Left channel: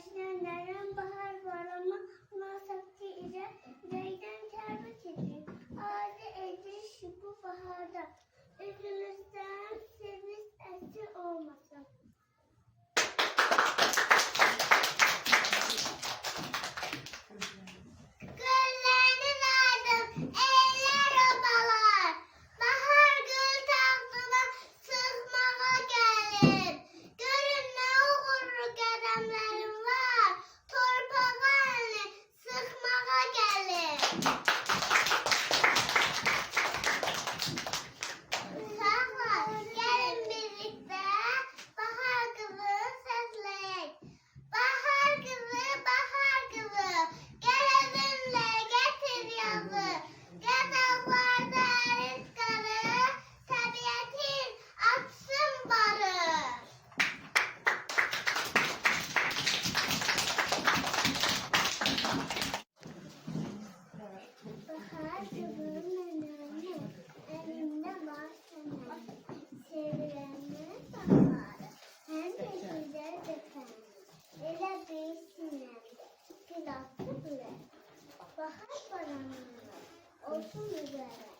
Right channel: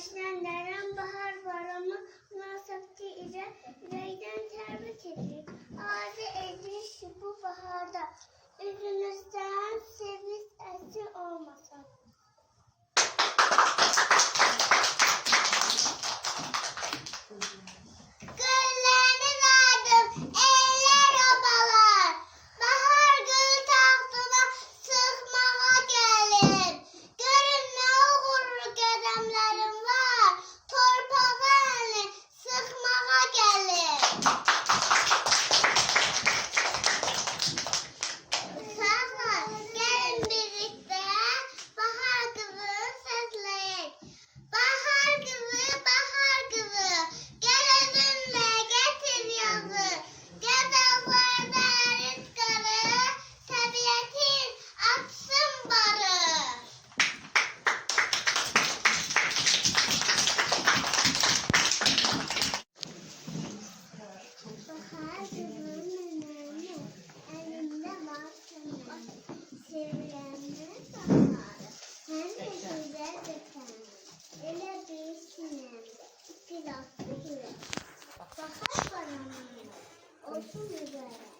Başlayanların bahar var ama münasebeti ile yüreğden tebrik edilir. Ağacı edilmiş bu baharda, üzümüzden sevinç esir olmasın. Güllerini verdim, eller obalar. Bahar gül tahtına sığmağa gelirim. Görün ne uğurlu qədəmlərim var. Torpağa əlini sıxmağa gəlir. Uşaqlar, gəlin birlikdə bahar qızını səsləyək. Bahar qızı, gəl özünlə gətir yazı. Qədavlarda ərit qarı, təbiətin açsın barı. Bahar qızının önəmi, əlində var sənəmi. Sevirənin baharı, həm də gözəl vətəni. Elə böyük sinəmdə, silahlı ürək. Bahar baranları, olsun mübarək.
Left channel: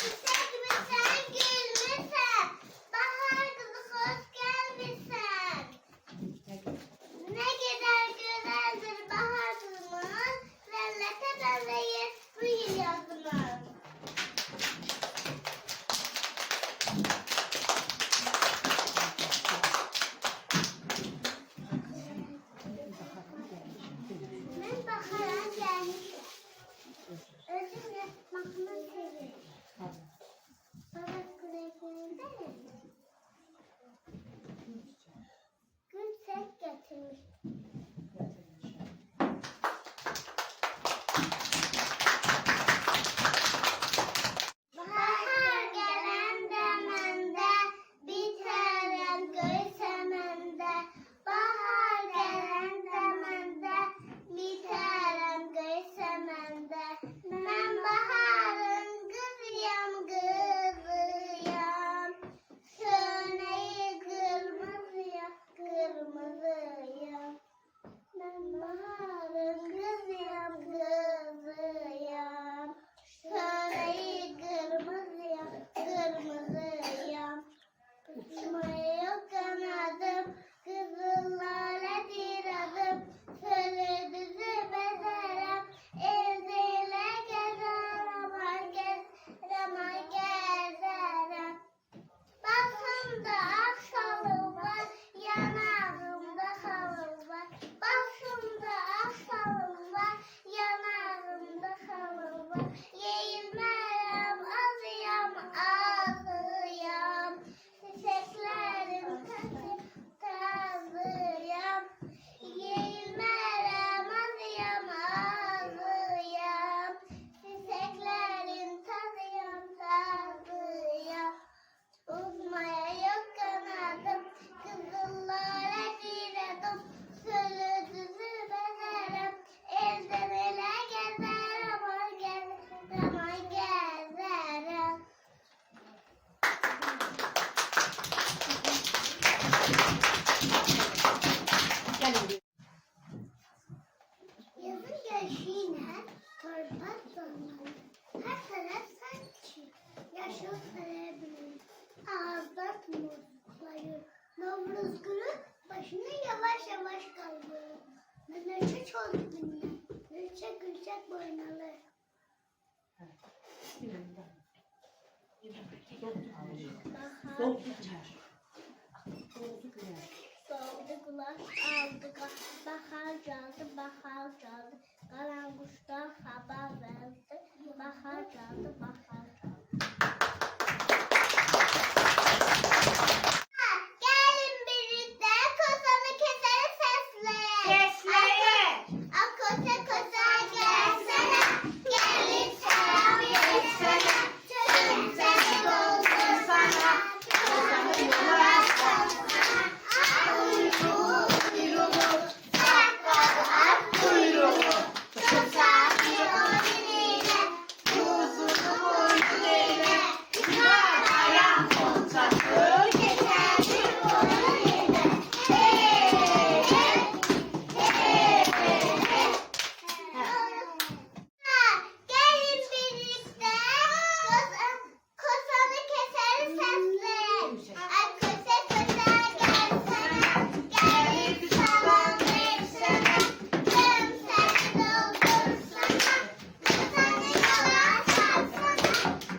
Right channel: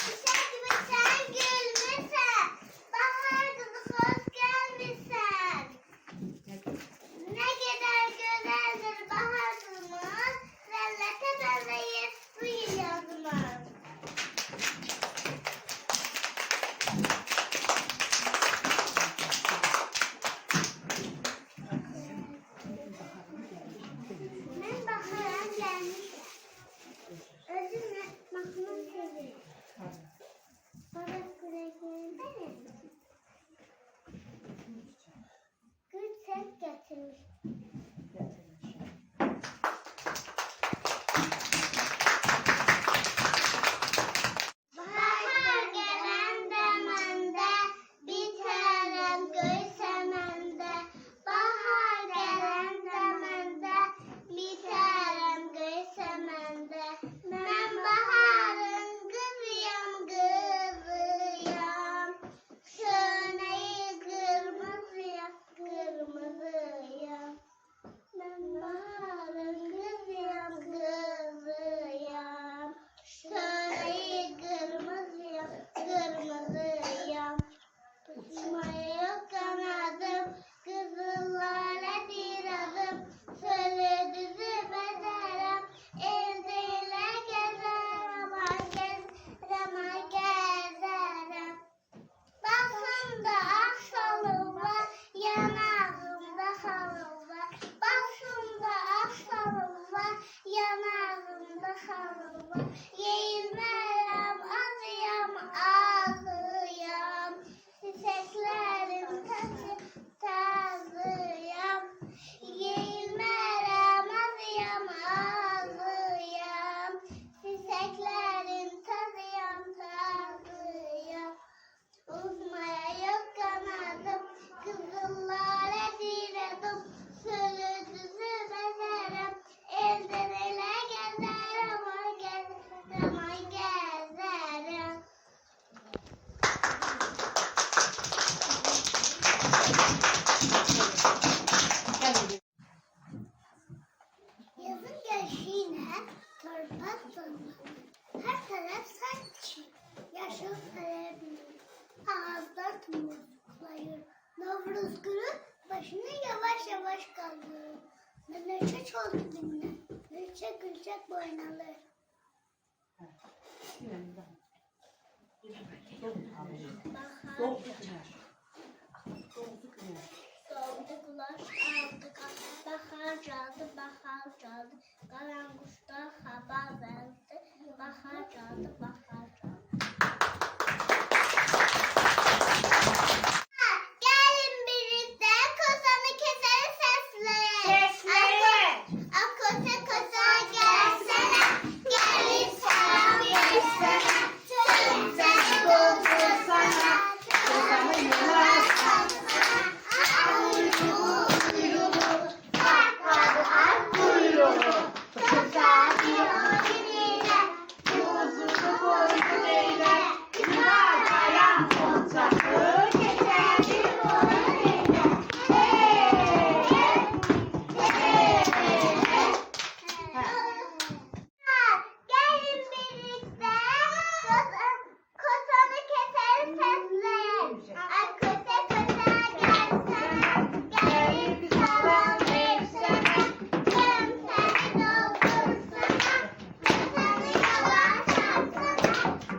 Çiçək misən, gül misən? Bahar qızı xoş gəlmisən. Ne kadar güzeldir bahar kızımız, zellete benzeyir bu yıl yazımız. Ben bahara gelmişim. Özümle mahnı seviyorum. Bana küreklerinde gül tek getirmiş. Bahar gelen demende, biterem göy semende. Bahar gelen demende, biterem göy semende. Ben baharın kızıyam, kızıyam. Söneyi kırmızıyam, kırmızıyam. Ben baharın kızıyam, kızıyam. Söneyi kırmızıyam, kırmızıyam. Uçmaya kanadım, kızıllarla adım. Söyle düzüp ederim, evdeyle gezerim, ay gezerim. Başımda aksalı var, yanağımda halı var. Başımda aksalı var, yanağımda halı var. Yeyilmem, azıyam, azıyam. Çiçeklerim tazıyam. Yeyilmem, azıyam, azıyam. Çiçeklerim tazıyam, tazıyam. Uzmaya yok kanadım, kızıllara diredim. Sölü düzü bezerim, elden ele gezerim, ay gezerim, ay gezerim. Yazın gelişiyle torpak donları, her taraf sanki yaşıl serebilir. Ağızlar tumurcuklayır. Novruz günü başını yavaş yavaş kaldırır. Menekşe çoldu dinler. Gülçek gülçek boynalar. Bahar soğudu kulaş aldı. Bahar çaldı, bahar çaldı. Karan kuşlar haber verdi. Bahar çaldı, bahar çaldı. Gelin birlikte kozanı keseri sesleyin. Koza koza gelsene, gelin selam versene. Tüm seni doldur sana. Ay koşa koşa gelsene, gelip çalan versene, yarım seni doldursana, kızanı yola sarsana.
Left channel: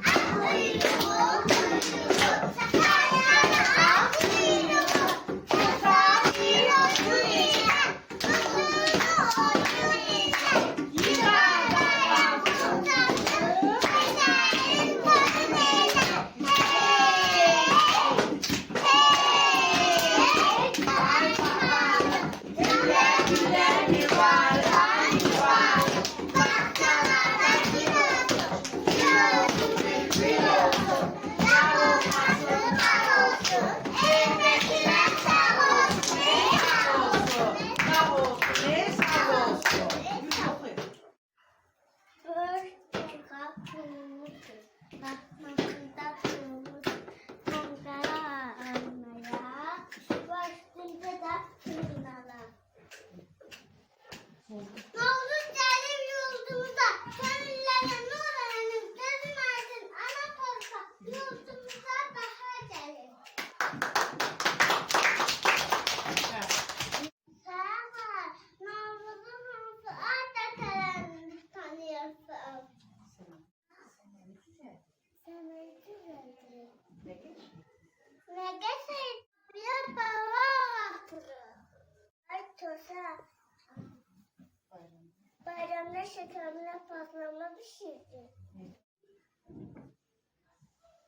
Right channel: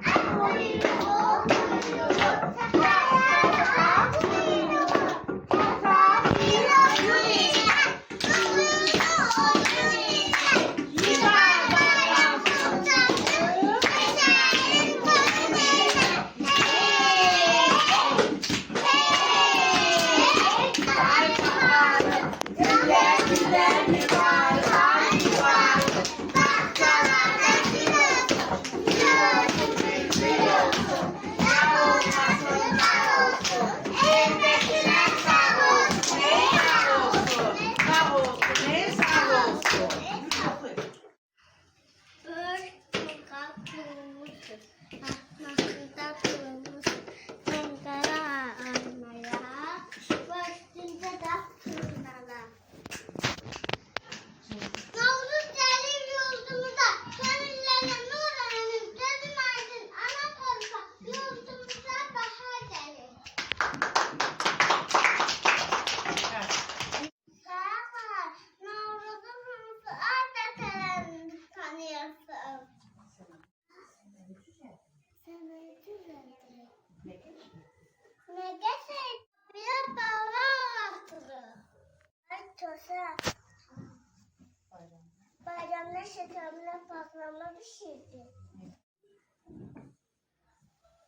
Ay kuyruğu kuyruğu, sakarlara kuyruğu, misafir olsun ile, kuyruğu olsun ile, güzel bayram kutlasın, neşenin gözüyle. Ay bakalım, güle güle yuvarlan yuvarlan, bahçelerde gülüyorsun, gülüyorsun, gülüyorsun, yar olmasın, var olsun, evdekiler sağ olsun, sağ olsun. Bir tonga kurumuşsun, mahmahında kurumuşsun, tongara almaya, başında da tırnala. Navruz gelir yurdumuza, kömürlere nur hanım, gözüm aydın, ana korka, yurdumuza bahar gelir. Sağ Navruz'un hansı adetlerini tanıyorsun. Seni güzeldi. Ne geçer? Bir baba hatırı. Ay tosa. Bayramda şekerle patlama pişirdi.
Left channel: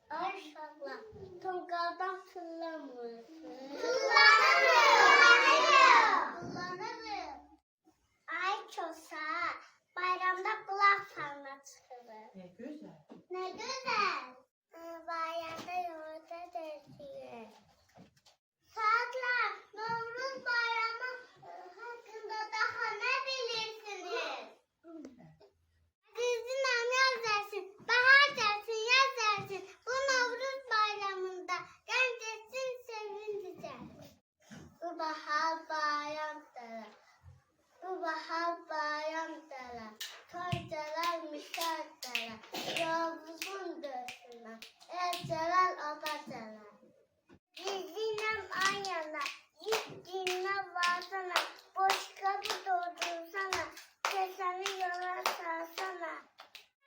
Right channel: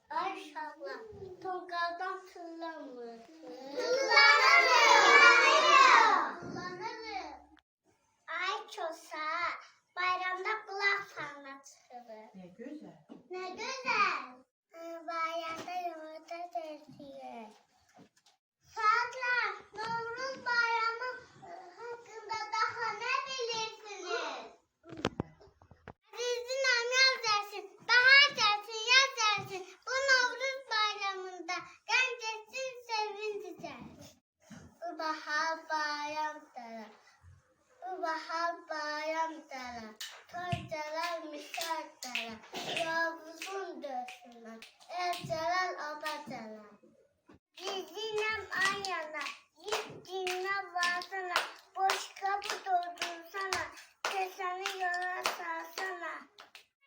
Ay şallah. Tongaldan tırlamışsın. Kullanırım. Ay çosa. Bayramda kulak sarma çıkılır. Ne güzel. Ne güzel. Bayramda yumurta döşüyor. Saatler, Novruz Bayramı hakkında daha ne bilirsiniz? Azizim yaz dersin, bahar dersin, yaz dersin. Bu Novruz Bayramı'nda gençlerin sevinci dersin. Bu bahar bayramdır. Bu bahar bayramdır. Toydalar müşahitler. Yavuzun döşüne. Evceler obadalar. Gizlinem anyana. Gittiğine varsana. Boş kapı doldursana. Keseni yola sarsana.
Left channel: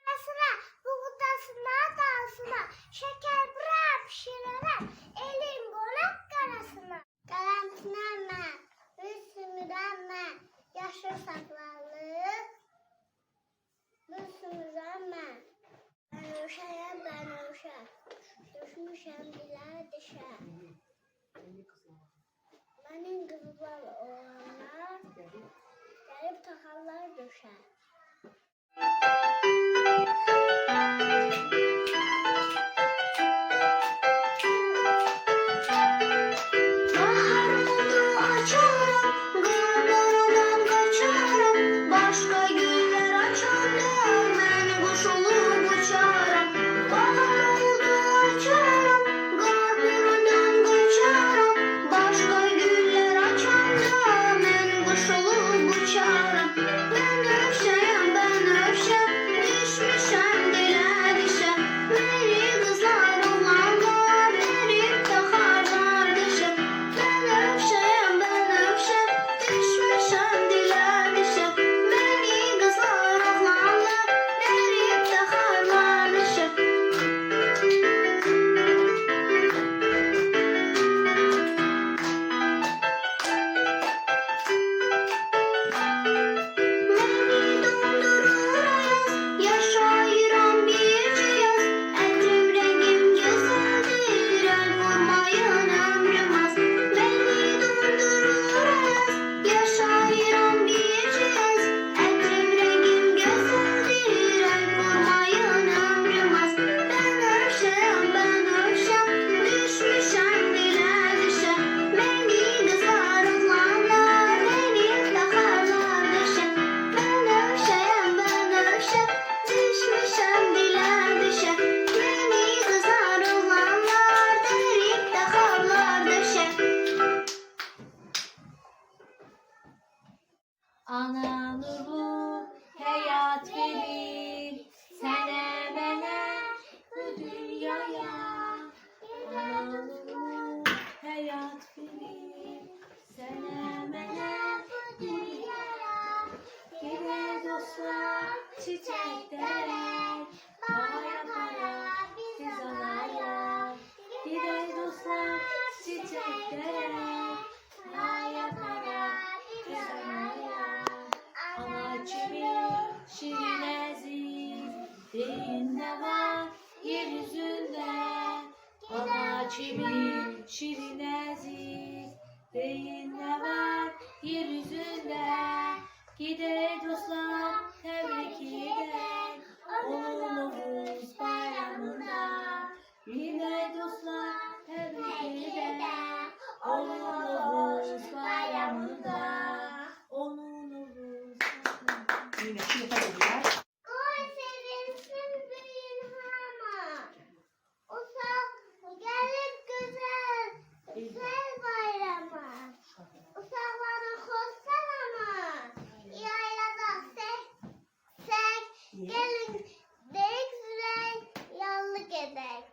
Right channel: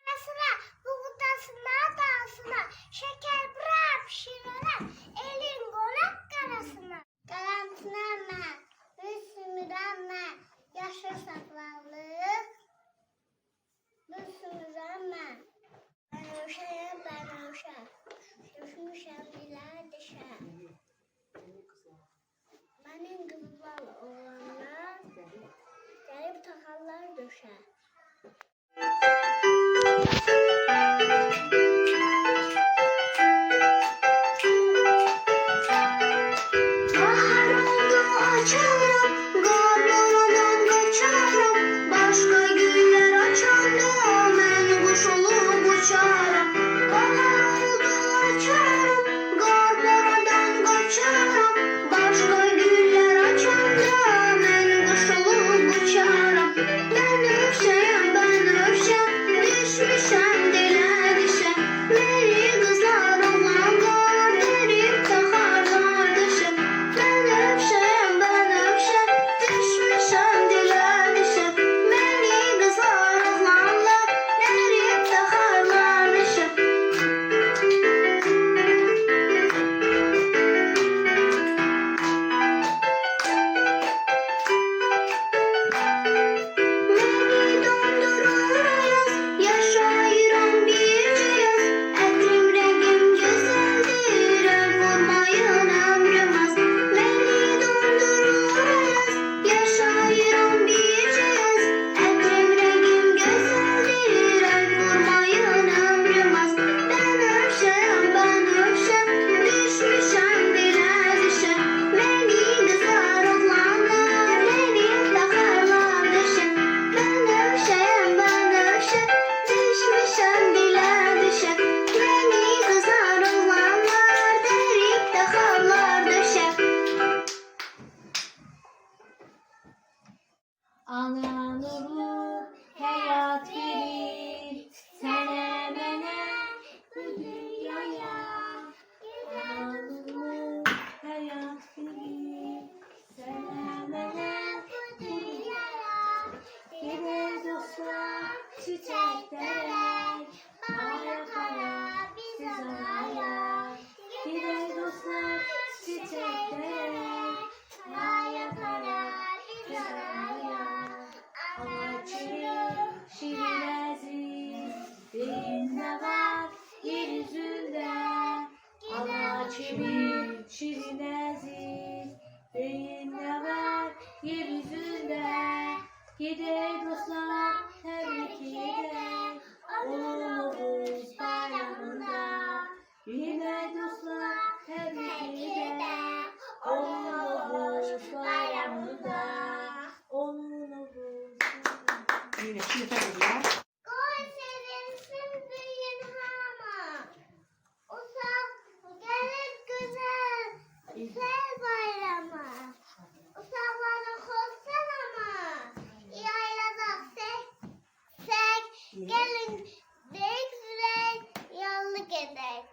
Arasına, buğdasına dalsına. Şeker bırak pişireler. Elin golak karasına. Karantinama. Müslümanma. Yaşlı saklanlık. Müslümanma. Ben uşağım, ben uşağım. Düşmüşem diler dişe. Benim kızlar oğlanlar gelip takarlar döşe. Bahar oldu açarım, garlarından kaçarım. Başka güller açandı, ben kuş olup uçarım. Bahar oldu açarım, garlarından kaçarım. Başka güller açandı, ben kuş olup uçarım. Ben öpsem, düşmüşem dile dişe. Beni kızlar olan gar, verip takar kardeşim. Ben öpsem, Kimin şirin aziz beyin ne var yeryüzünde. Gider dostlar tebrik eder onun Oğuz bayramında. Gider dostlar tebrik eder onun Oğuz bayramında. Onun Oğuz bayramında. Yine şimdi tabii. Koy sevinsin büyün hama. Uşak gelir güzel bayrama. Uşakları hoş salama. Yaylada sek gelin deyik züley yanlı gedek.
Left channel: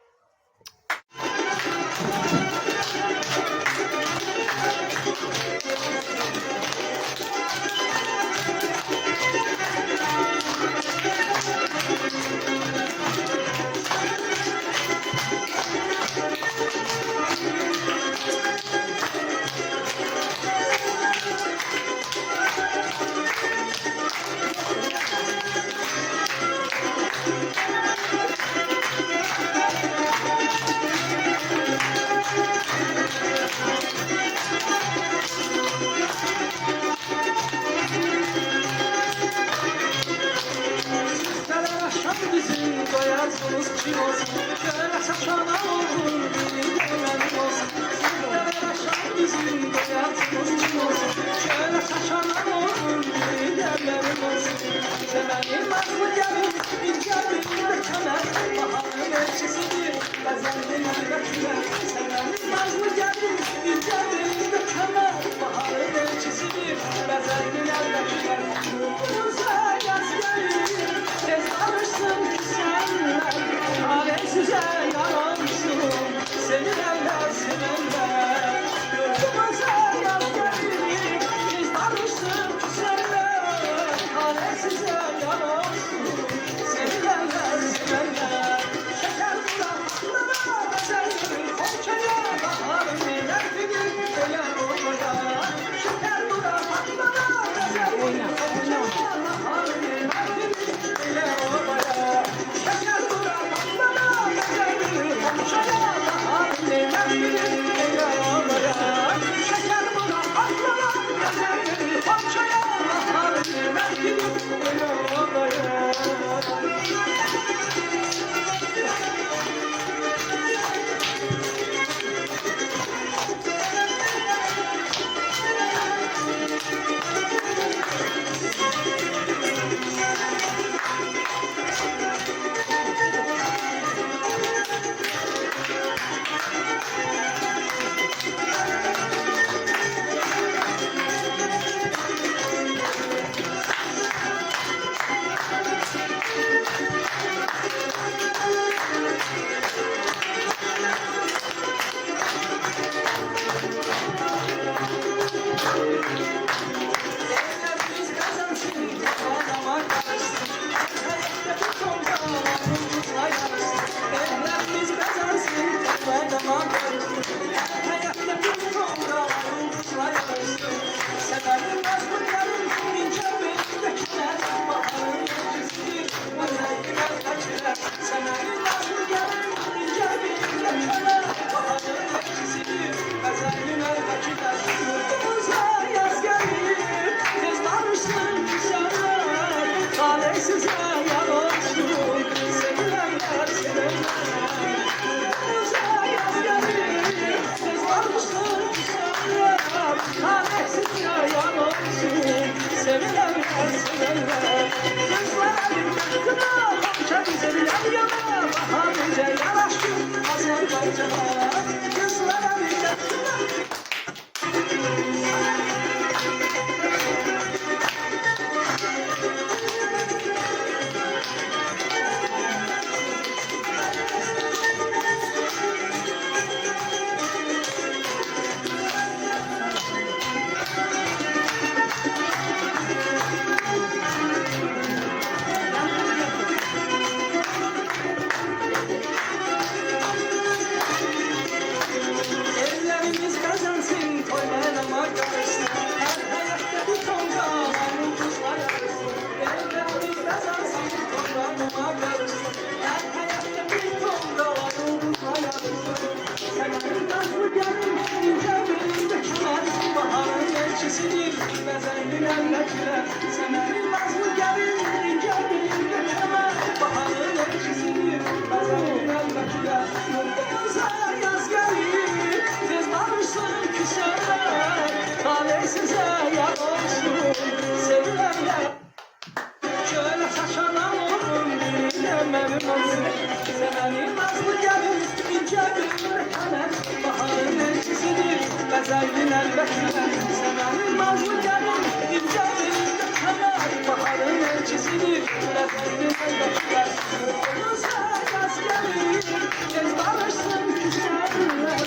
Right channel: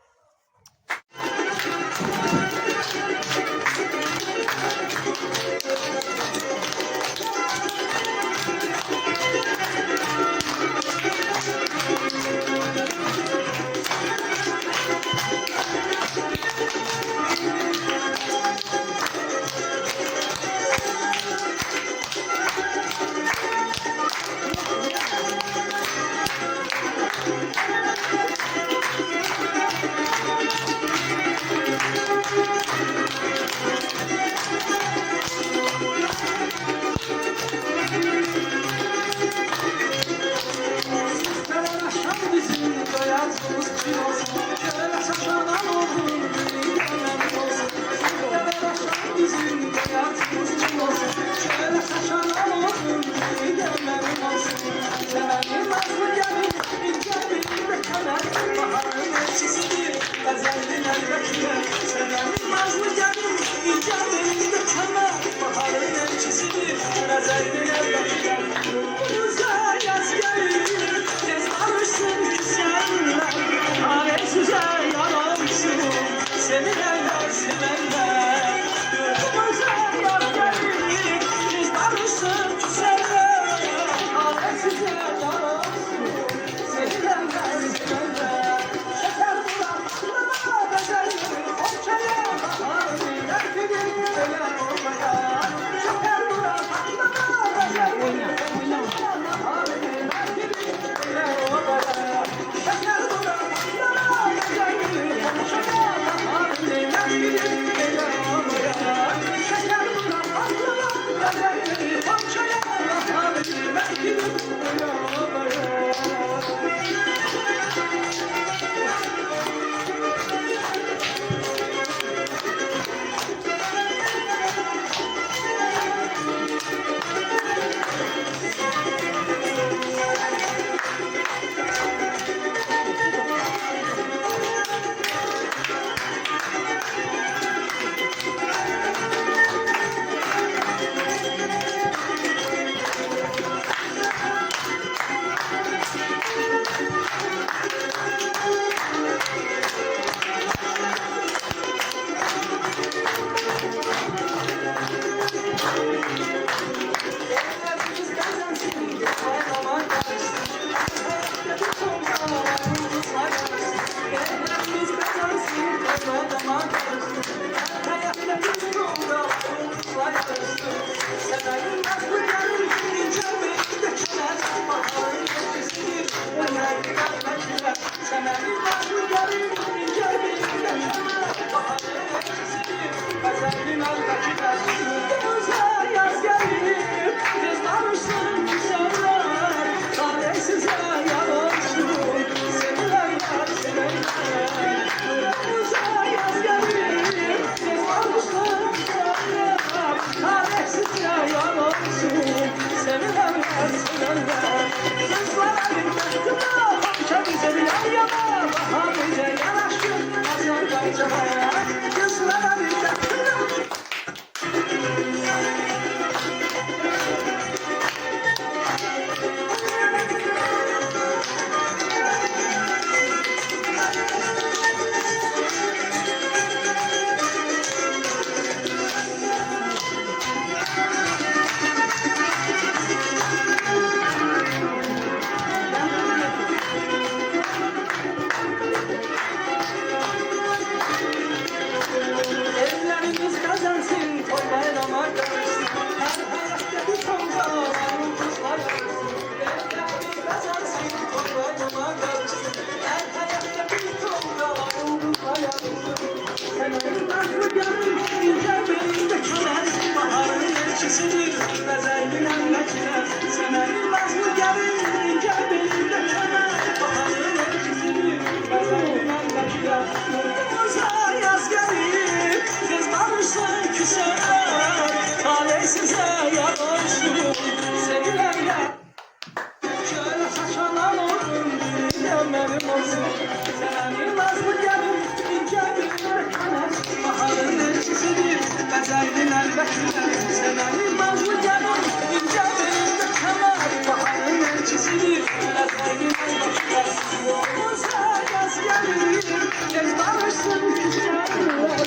Bezeydin elbette severim nazlı gelin İnce belinde kemer baharın elçisidir Bezeydin elbette olursa yaz gelir Tez barışsın küslerler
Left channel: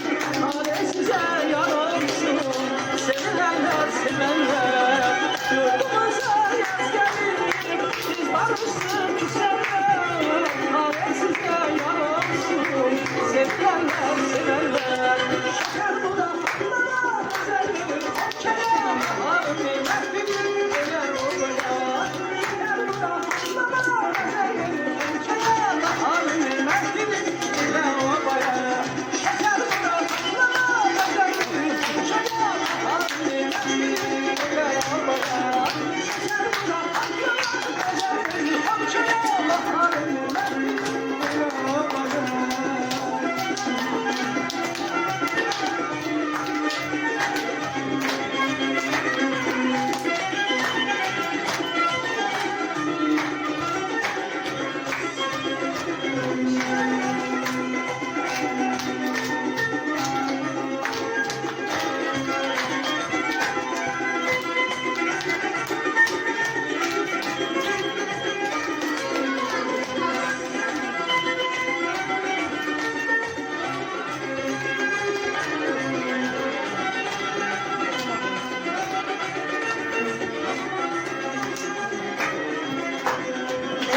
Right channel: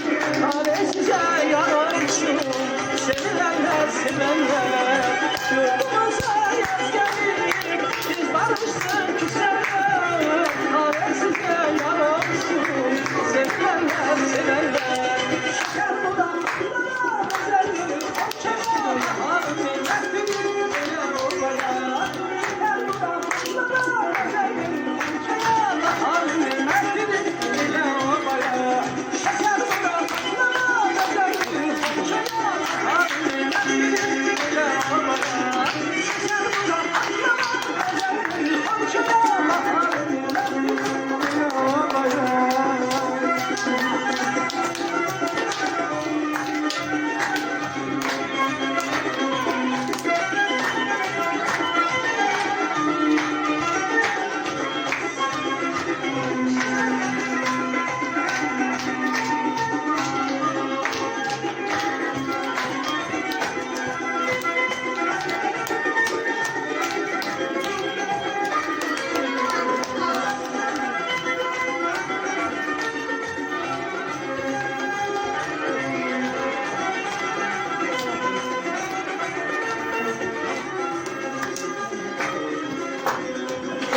Hale size yararsın Sevilenler sevenler Yurdumuza yaz gelir Tez barışsın küslerler Hale size yararsın Sevilenler sevenler Şeker bu da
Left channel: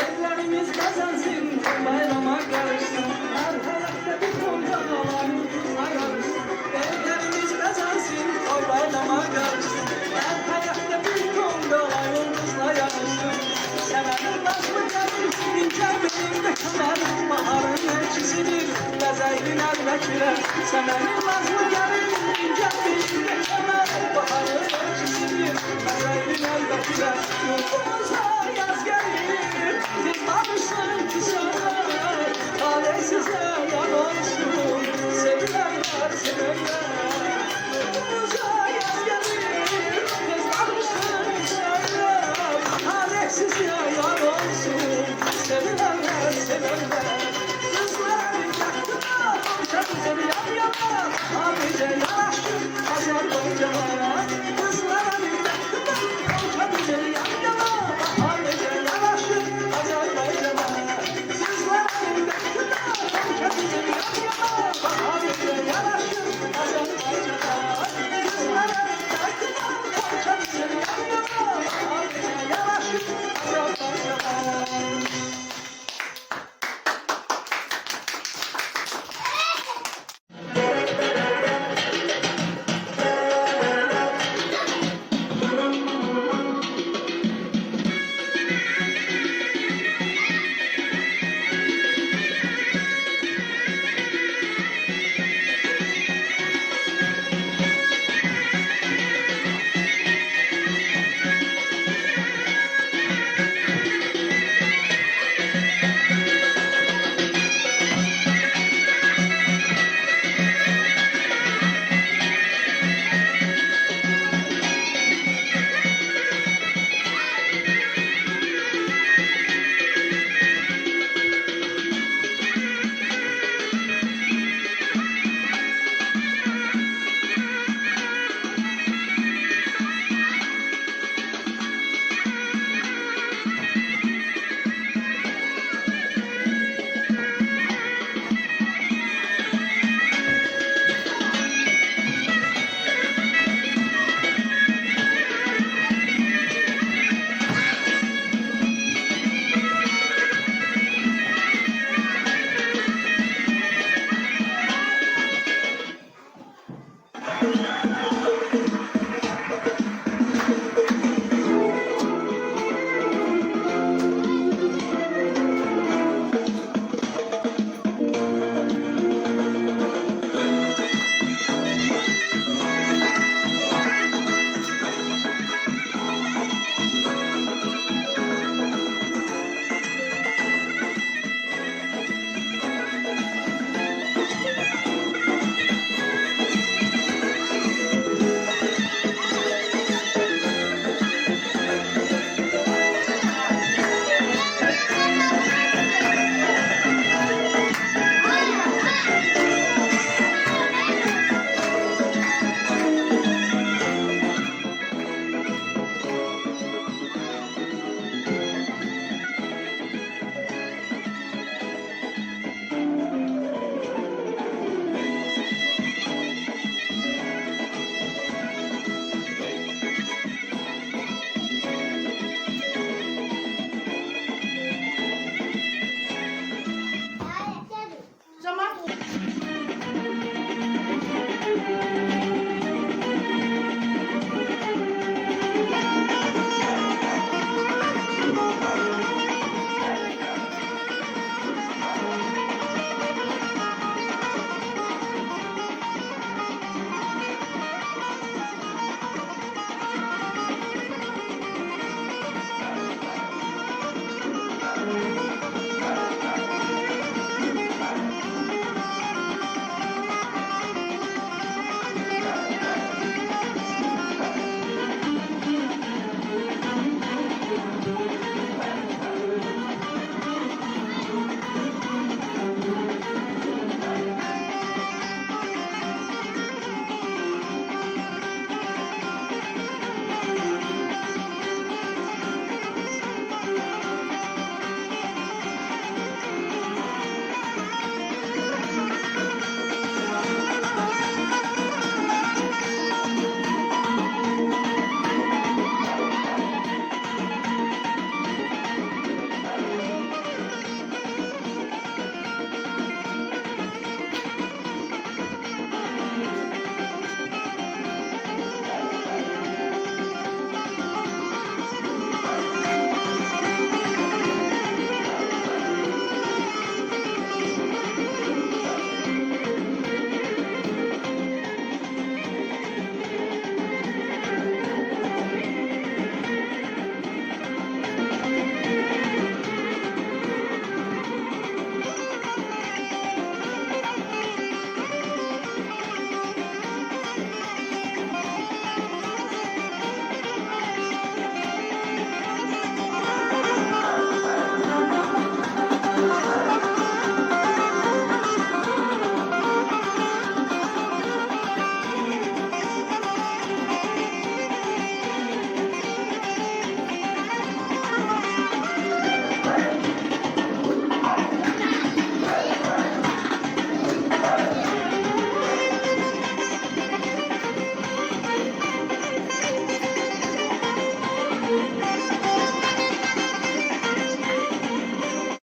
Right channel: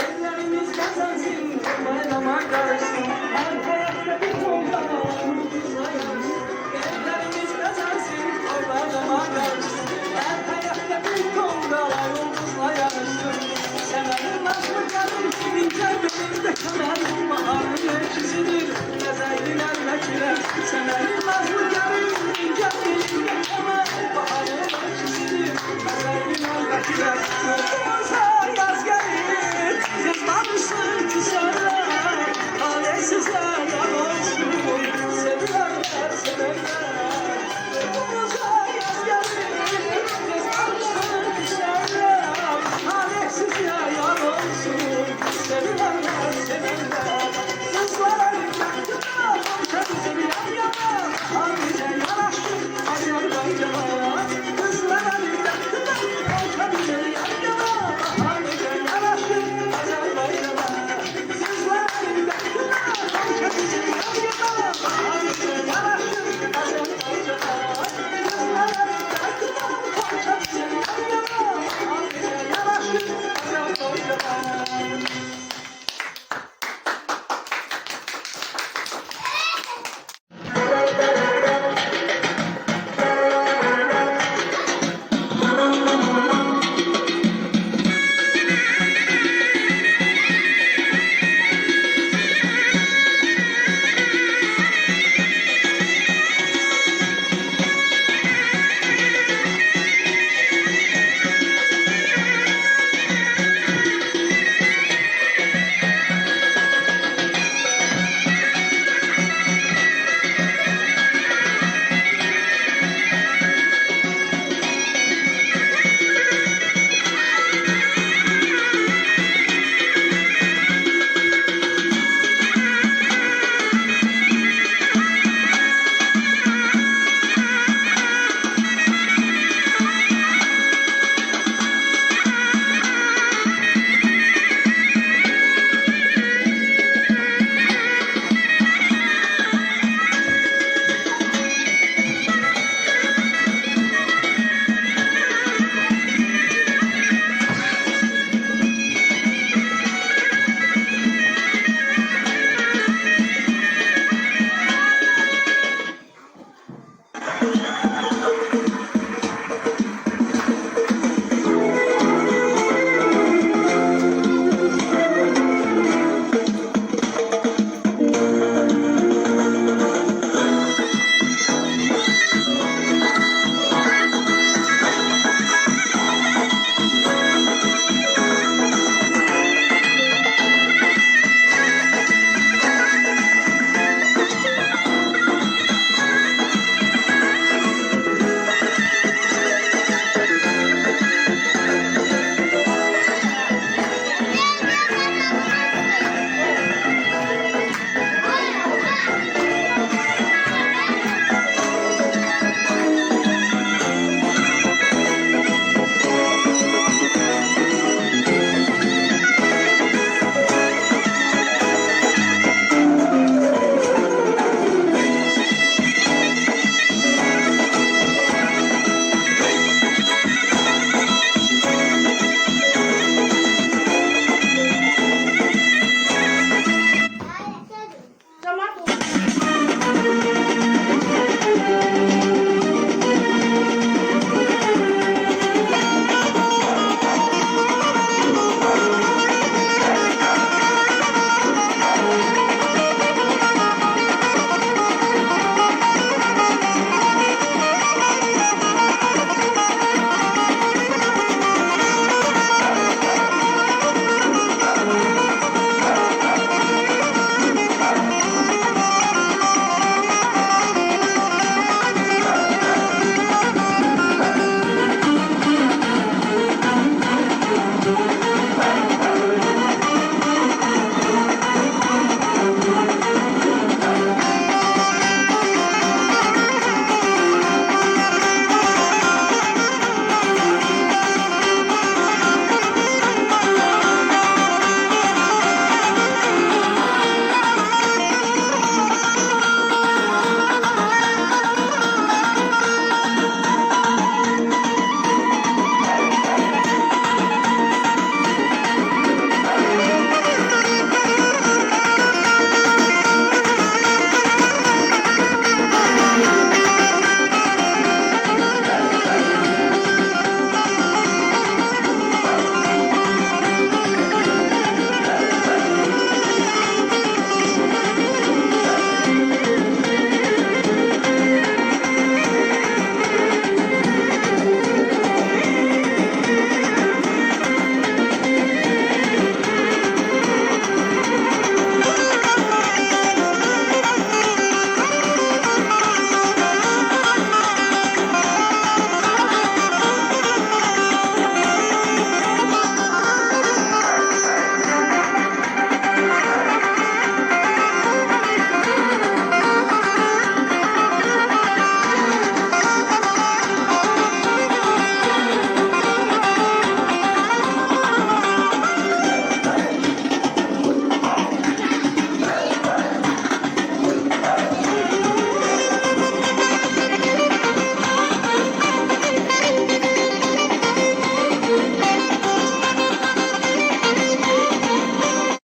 Ellerimiz kazansın, bayrama karışsın. Her hayatta bir kolda havamızla yarışsın. Ellerimiz kazansın, bayrama karışsın. Her hayatta bir kolda havamızla yarışsın. Severim nazlı gelir, ince belinde kemer. Baharın elçisidir, bezeydin elbette. Severim nazlı gelir, ince belinde kemer. Baharın elçisidir, bezeydin elbette. Yurdumuza yaz gelir. Siz barışın küserler, hale size yararsın, sevilenler severler. Yurdumuza yaz gelir, siz barışın küserler, hale size yararsın, sevilenler severler. Kızların yaktına, komşa güzeli yan yana, bize yararsın, Azerbaycan'a. Kızların yaktına, komşa güzeli yan yana, bize yararsın, Azerbaycan'a. Kızların yaktına, komşa güzeli yan yana, bize yararsın, Azerbaycan'a. Kızların yaktına, komşa güzeli yan yana, bize yararsın, Azerbaycan'a.